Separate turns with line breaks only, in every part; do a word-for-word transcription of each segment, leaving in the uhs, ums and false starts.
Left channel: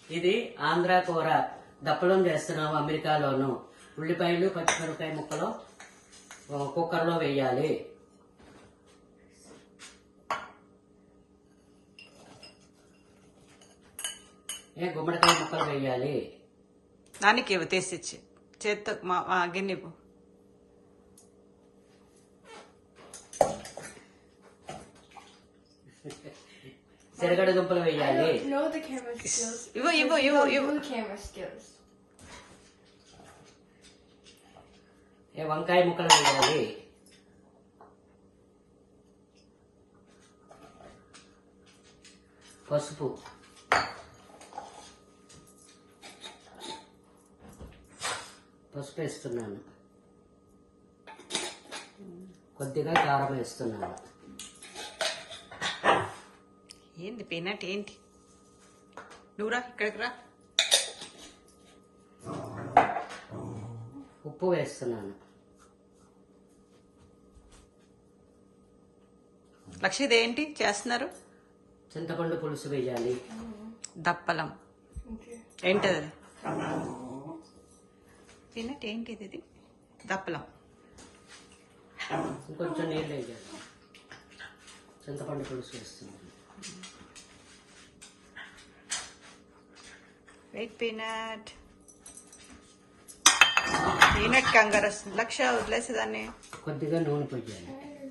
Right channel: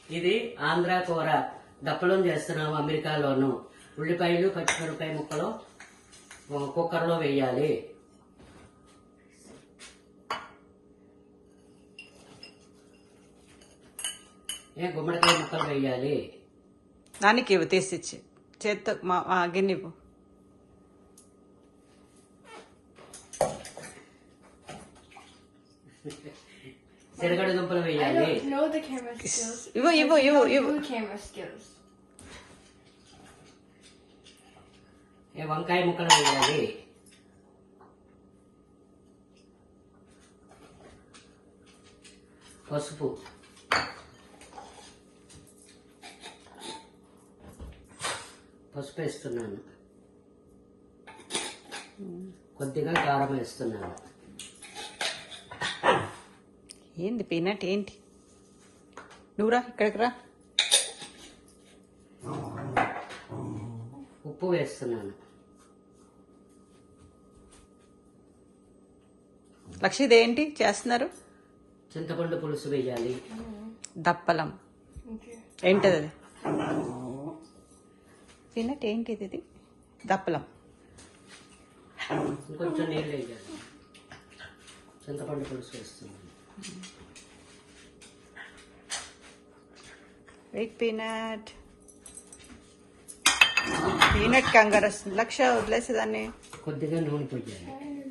ఇది ఆంధ్ర కూర దప్పలం చేస్తున్నాము అమెరికాలోను. ఉల్లిపాయలు పచ్చిమిరపకాయ ముక్కలు కుక్కర్లో వేయాలి. ఏ గుమ్మడికాయ ముక్కలు వేయాలి.
దానికి ఇవ్వు తీసిచ్చి చేత్తో గిన్నె ఇవ్వు.
శనగడ దుంపలు వేయాలి.
ఇవ్వు ఇవ్వు ఇవ్వు ఇవ్వు
వంకాయ ముక్కలు వేయాలి. పసుపు, పసుపు వేస్తున్నాను. కొద్దిగా కారం వేస్తున్నాను.
ఏంది పీనట్ ఏంటి? నువ్వురా ఇక్కడికి రా.
ఉప్పు వేస్తున్నాను.
లక్ష్మీది ఏంటి చేస్తున్నారు?
చింతపండు పులుసు వేయాలి.
దప్పలం ఏంటది? అది పీనట్ ఏంటిది? ఇది దప్పలం.
ఇంకొంచెం నీళ్ళు వేయాలి. చింతపండు పులుసు వేస్తున్నాను.
వెయిట్ పీనట్ పీనట్ కంగారు వస్తుంది. లక్ష వదిలేసేదాన్ని.
కొద్దిగా నూనె పోయాలి.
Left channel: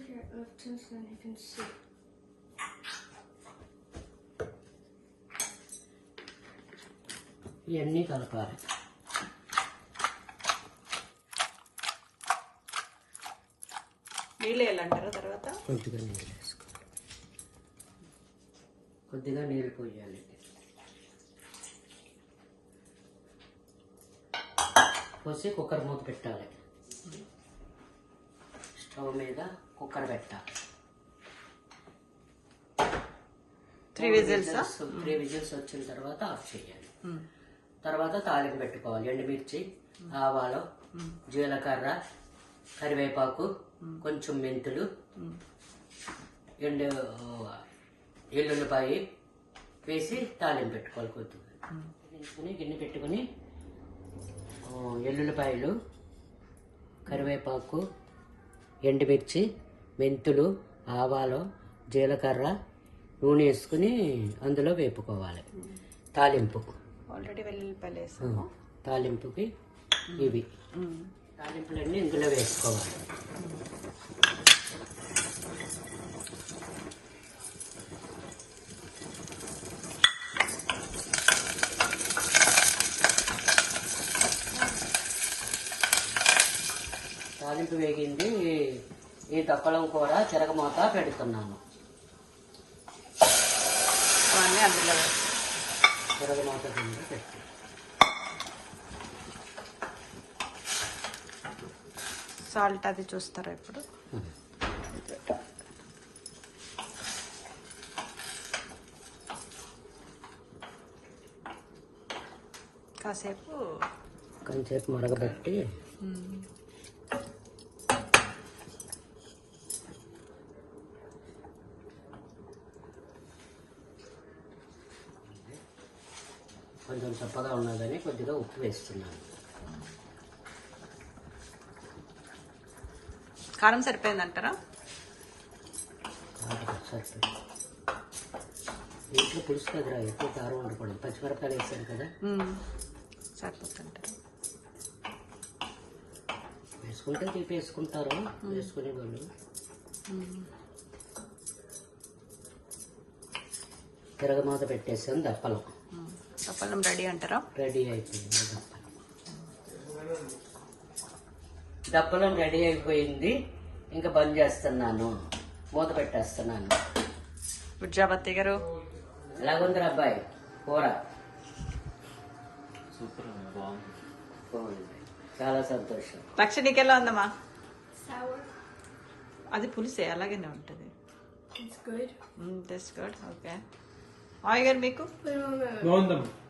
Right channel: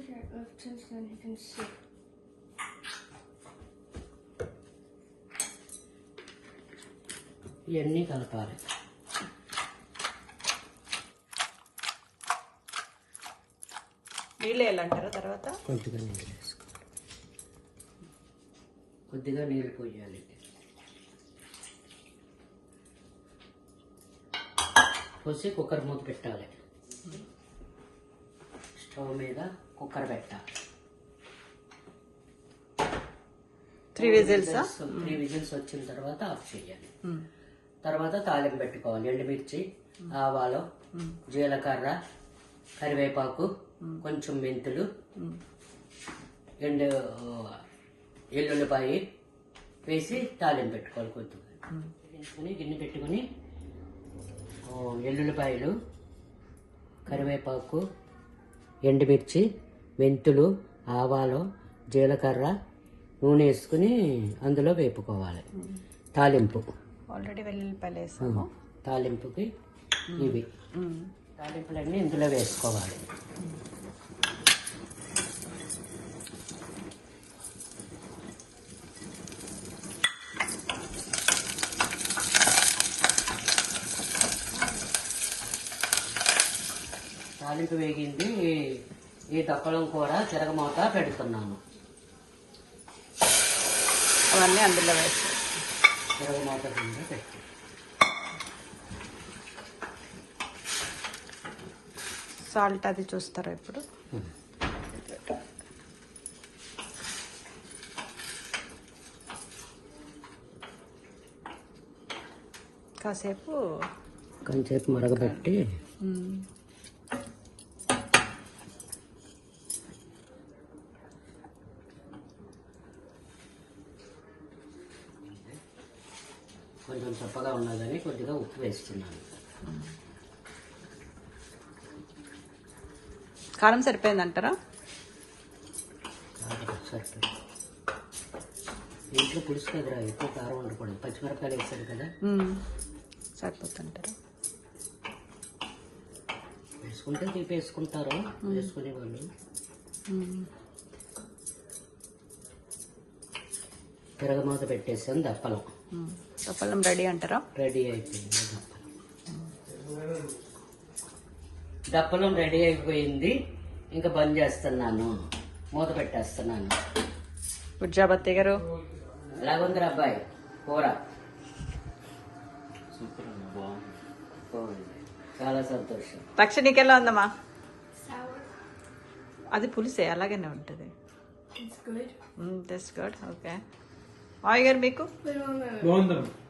ఇవన్నీ కలపాలి.
నీళ్ళు వేయాలంటారా? తర్వాత
కొద్దిగా నీళ్ళు వేసుకోవాలి. కొద్దిగా నీళ్ళు పోయాలి. పోసి కుక్కర్ మూత పెట్టాలి. స్టవ్ మీద కుక్కర్ పెట్టాలి.
త్రీ విజిల్స్
త్రీ విజిల్స్ వచ్చిన తర్వాత ఆఫ్ చేయాలి. తర్వాత తాలింపు పెట్టుకోవాలి. ఎండుమిర్చి, ఆవాలు, జీలకర్ర, కరివేపాకు, కొంచెం మెంతులు, ఎండు ఎల్లుల్లిపాయ వేసి తాలింపు పెట్టుకోవాలి. కొద్దిగా పెట్టుకుని గిన్నె పెట్టుకుని ఎల్లుల్లిపాయలు, కరివేపాకు, ఎండుమిర్చి, మెంతులు, ఆవాలు, జీలకర్ర, నూనె వేసుకుని అందులో వేపుకోవాలి. తాలింపు
ఆల్రెడీ వెల్లుల్లిపాయలు వేసాము.
తాలింపుకి ఇవి తాలింపులన్నీ ఇందులో వేసుకోవాలి. తాలింపు వేగింది. ఈ దప్పలం కూర తిరగమూత పెడుతున్నాను.
అవన్నీ అందులో వేస్తాం.
తిరగమూత కింద పెట్టి
సాల్ట్ అది చూస్తారా ఇప్పుడు? కాసేపు
కొంచెంసేపు మరగబెట్టి కొంచెం చప్పగా ఉన్నదని కొద్దిగా ఉప్పు వేస్తున్నాను.
కారం సరిపోయిందంటారా?
ఇంట్లో పులుసు కదరా, ఎక్కువ కారం వండుకోండి. పచ్చిమిరపకాయలు వేసారు కదా,
సరిపోతుంటారా?
వేసుకుంటే తీపి వేసుకుంటారు వేసుకునే వాళ్ళు. తిరగమాత పెట్టేసాను. దప్పలం
దప్పలం రెడీ అంటారా?
రెడీ అయిపోయింది. దప్పలం దప్పలం రెడీ అయిపోయింది. ఇంకా బంద్ చేస్తున్నాను. మూత పెట్టేస్తున్నాను.
గుడ్ జాబ్ అత్తయ్య గారు.
ఎలాగుందిరా అబ్బాయి కూర? సూపర్, బాగుంది. చాలా సంతోషం.
లక్ష నీకెలా ఉందమ్మా? అది పులిసే అలాగనే ఉంటుంది. That's good. ఓకే. మావయ్య గారు మీకు?